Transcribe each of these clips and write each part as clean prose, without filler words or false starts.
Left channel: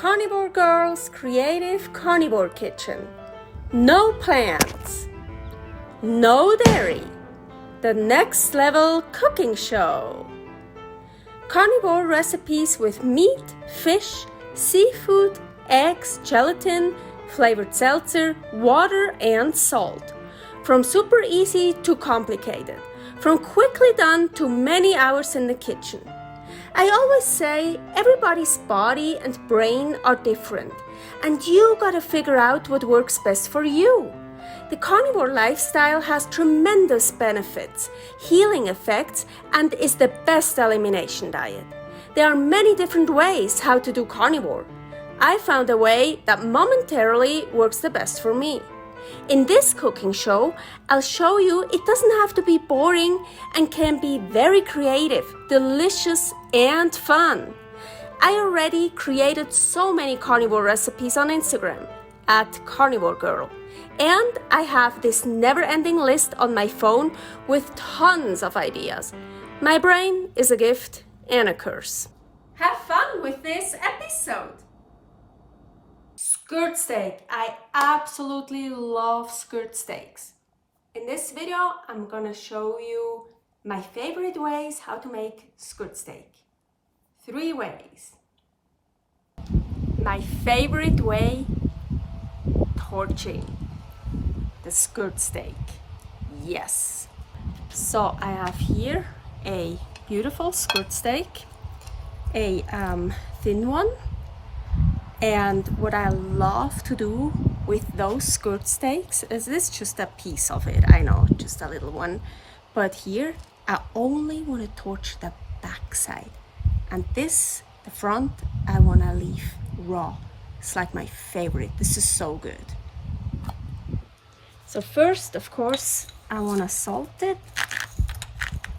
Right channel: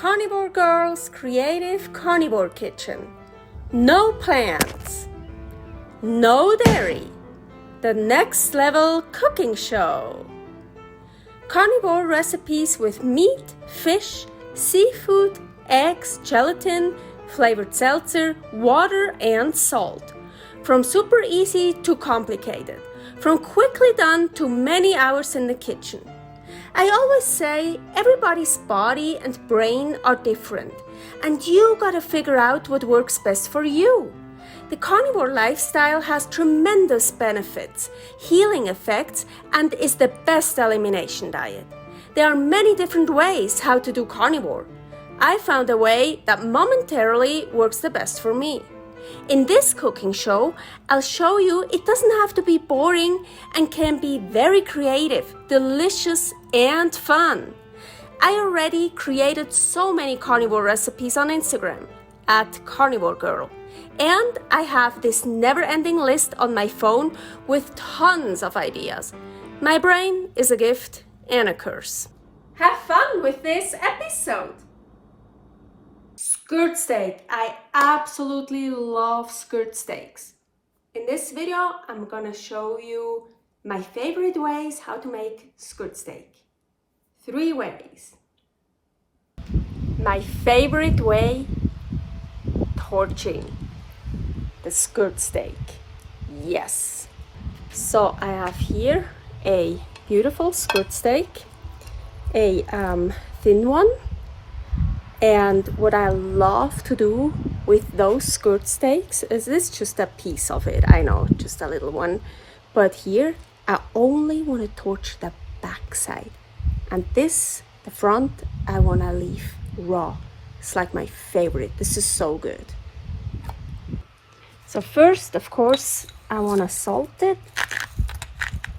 Carnivore Girl's creative carnivore kitchen. No plants, no dairy, the next level cooking show. Carnivore recipes with meat, fish, seafood, eggs, gelatin, flavored seltzer, water, and salt. From super easy to complicated, from quickly done to many hours in the kitchen. I always say everybody's body and brain are different, and you gotta figure out what works best for you. The carnivore lifestyle has tremendous benefits, healing effects, and is the best elimination diet. There are many different ways how to do carnivore. I found a way that momentarily works the best for me. In this cooking show, I'll show you it doesn't have to be boring and can be very creative, delicious, and fun. I already created so many carnivore recipes on Instagram at karnivorgirl, and I have this never-ending list on my phone with tons of ideas. My brain is a gift and a curse. Have fun with this episode! Skirt steak. I absolutely love skirt steaks. In this video, I'm gonna show you my favorite ways how to make skirt steak. 3 ways. My favorite way, torching the skirt steak. Yes. So I have here a beautiful skirt steak, a thin one. And what I love to do with those skirt steaks is this just a piece of it. I know, just a little one. But here, I only want to torch the back side. And this, the front, I want to leave raw. It's like my favorite. This is so good. So first, of course, I want to salt it.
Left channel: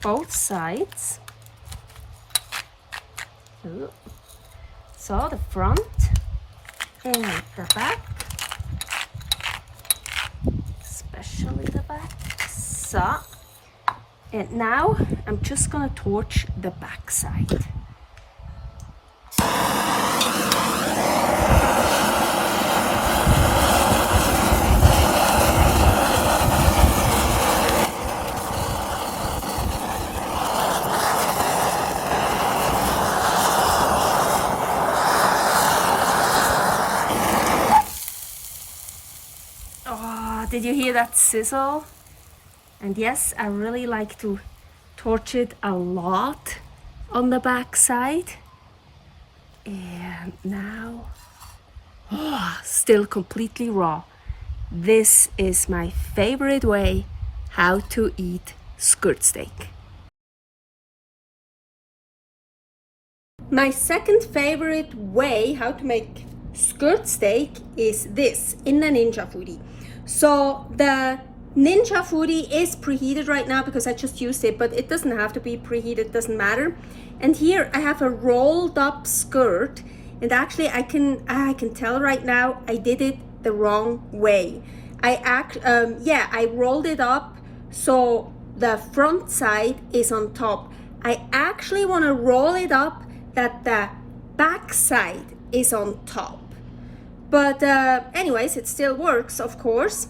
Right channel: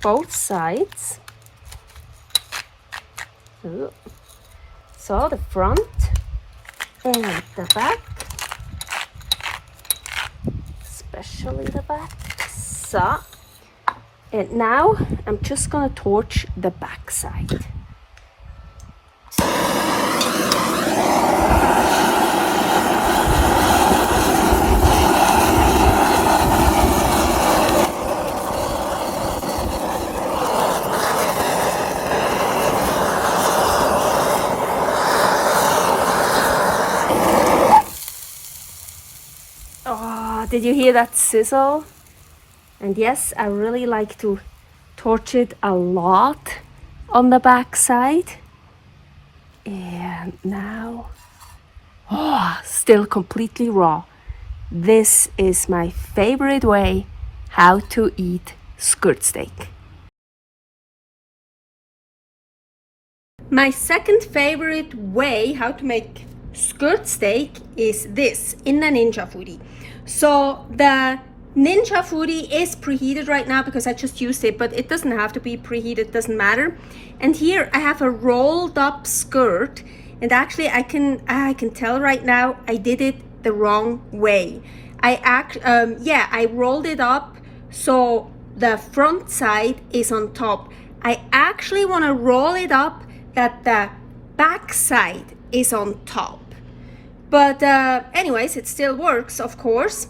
Both sides. So the front and the back, especially the back. So, and now I'm just gonna torch the back side. Did you hear that sizzle? And yes, I really like to torch it a lot on the back side. And now, still completely raw. This is my favorite way how to eat skirt steak. My second favorite way how to make skirt steak is this in the Ninja Foodi. So the Ninja Foodi is preheated right now because I just used it, but it doesn't have to be preheated, doesn't matter. And here I have a rolled up skirt, and actually I can tell right now I did it the wrong way. I rolled it up so the front side is on top. I actually want to roll it up that the back side is on top. But anyways, it still works, of course.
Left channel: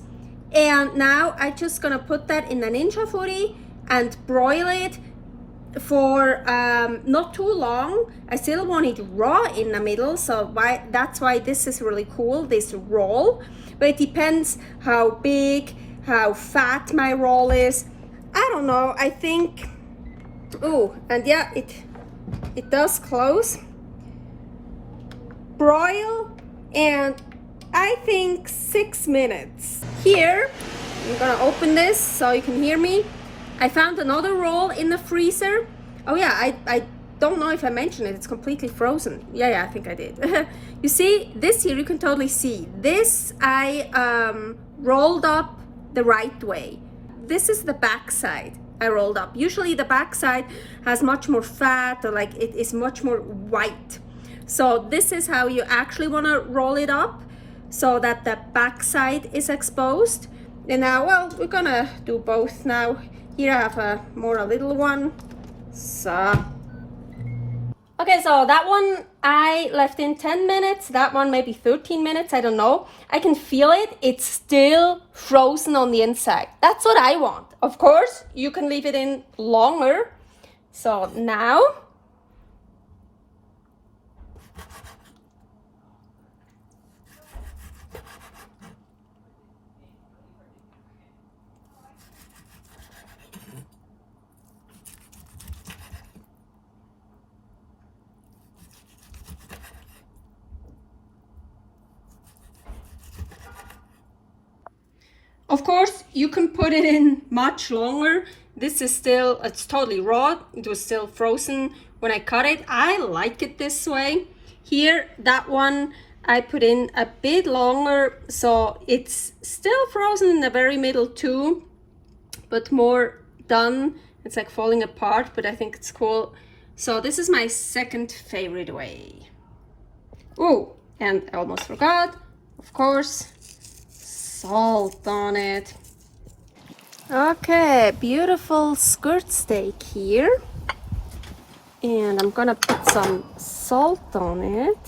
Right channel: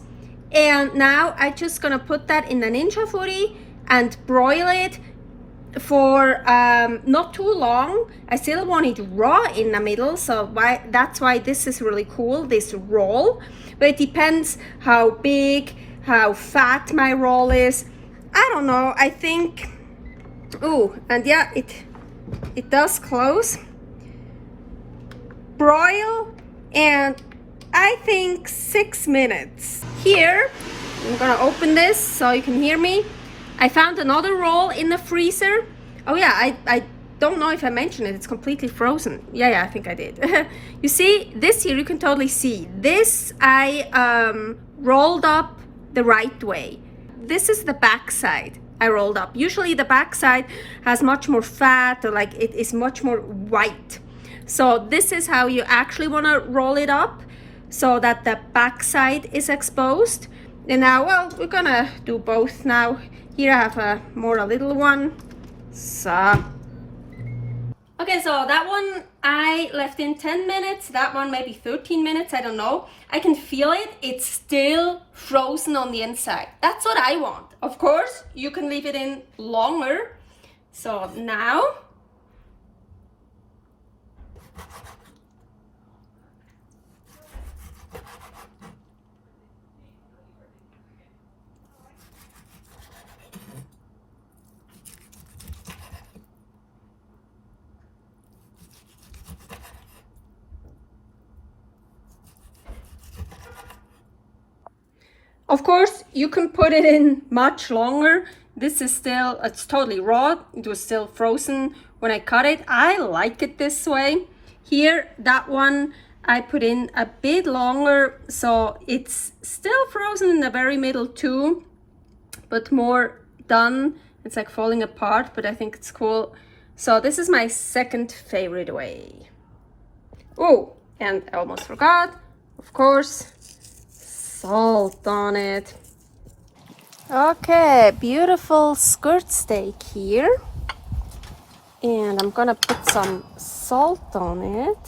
And now I'm just gonna put that in the Ninja Foodi and broil it for not too long. I still want it raw in the middle, so that's why this is really cool, this roll. But it depends how big, how fat my roll is. I don't know, I think, and yeah, it does close. Broil, and I think 6 minutes. Here, I'm gonna open this so you can hear me. I found another roll in the freezer. Oh yeah, I don't know if I mentioned it, it's completely frozen. Yeah, I think I did. You see, this here you can totally see. This I rolled up the right way. This is the back side I rolled up. Usually the back side has much more fat, or like it is much more white. So this is how you actually want to roll it up so that the back side is exposed. And now, well, we're gonna do both now. Here I have a little one. So, okay, Okay, so that one I left in 10 minutes, that one maybe 13 minutes, I don't know. I can feel it, it's still frozen on the inside. That's what I want. Of course, you can leave it in longer. So now, of course, you can put it in much longer. This is still, it's totally raw. It was still frozen when I cut it. I like it this way. Here, that one, I put in a bit longer, so it's still frozen in the very middle too, but more done. It's like falling apart, but I think it's cool. So this is my second favorite way. Oh, and I almost forgot, of course, salt on it. Okay, beautiful skirt steak here. And I'm gonna put some salt on it.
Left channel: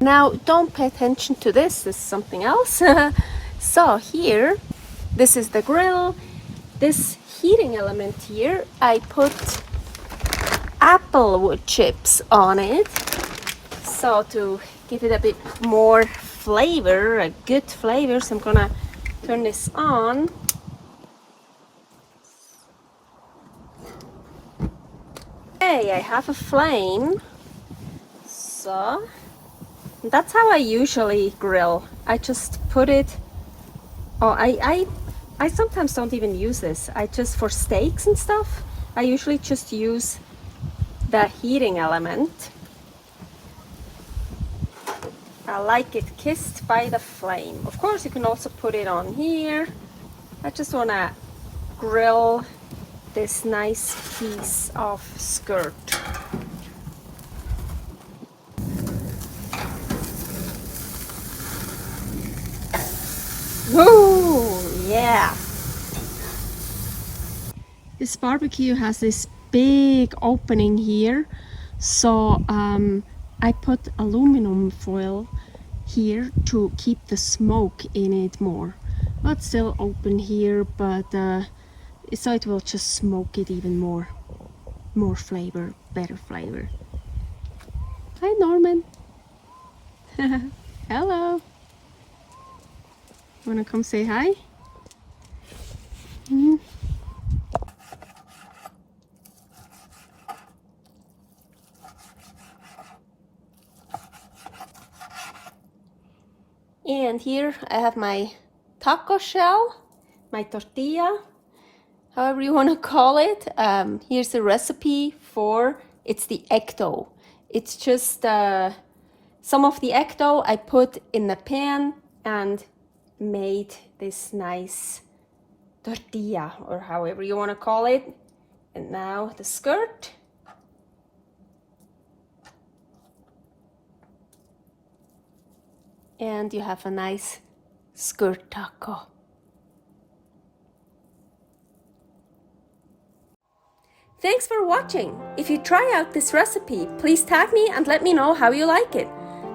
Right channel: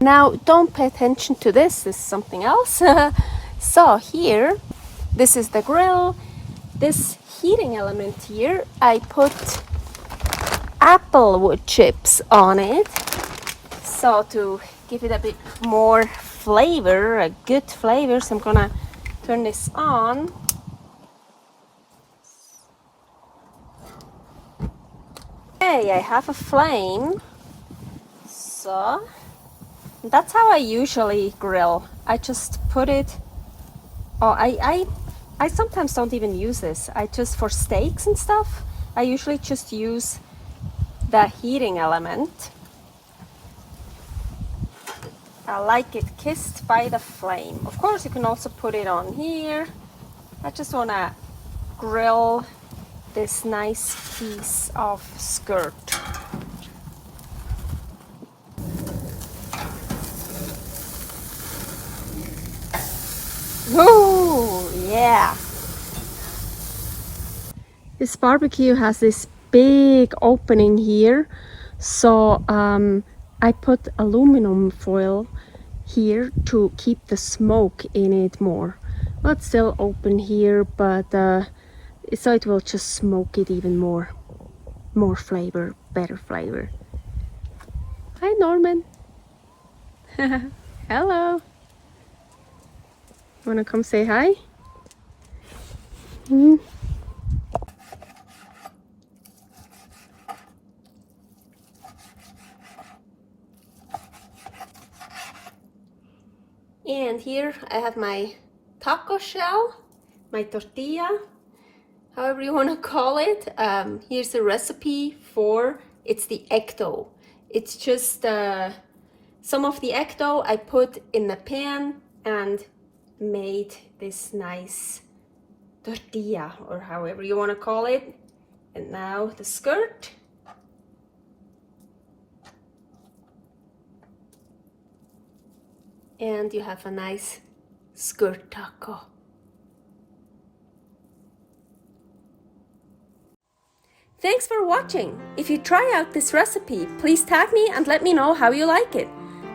Now, don't pay attention to this is something else. So here, this is the grill. This heating element here, I put applewood chips on it. So to give it a bit more flavor, a good flavor, so I'm gonna turn this on. Okay, I have a flame. So that's how I usually grill. I just put it, oh, I sometimes don't even use this. I just, for steaks and stuff, I usually just use the heating element. I like it kissed by the flame. Of course, you can also put it on here. I just want to grill this nice piece of skirt. Ooh, yeah. This barbecue has this big opening here, so I put aluminum foil here to keep the smoke in it more. Well, it's still open here, but so it will just smoke it even more flavor, better flavor. Hi, Norman. Hello. Wanna come say hi? And here I have my taco shell, my tortilla, however you want to call it. Here's the recipe for, it's the egg dough. It's just some of the egg dough I put in the pan and made this nice tortilla, or however you want to call it. And now the skirt. And you have a nice skirt taco. Thanks for watching. If you try out this recipe, please tag me and let me know how you like it.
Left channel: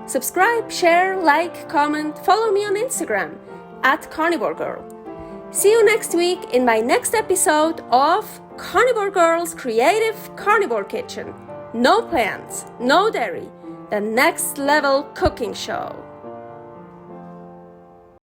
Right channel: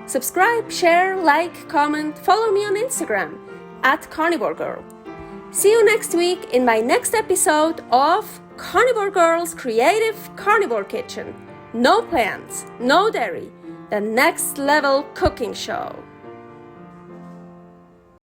Subscribe, share, like, comment, follow me on Instagram @karnivorgirl. See you next week in my next episode of Carnivore Girl's Creative Carnivore Kitchen. No plants, no dairy, the next level cooking show.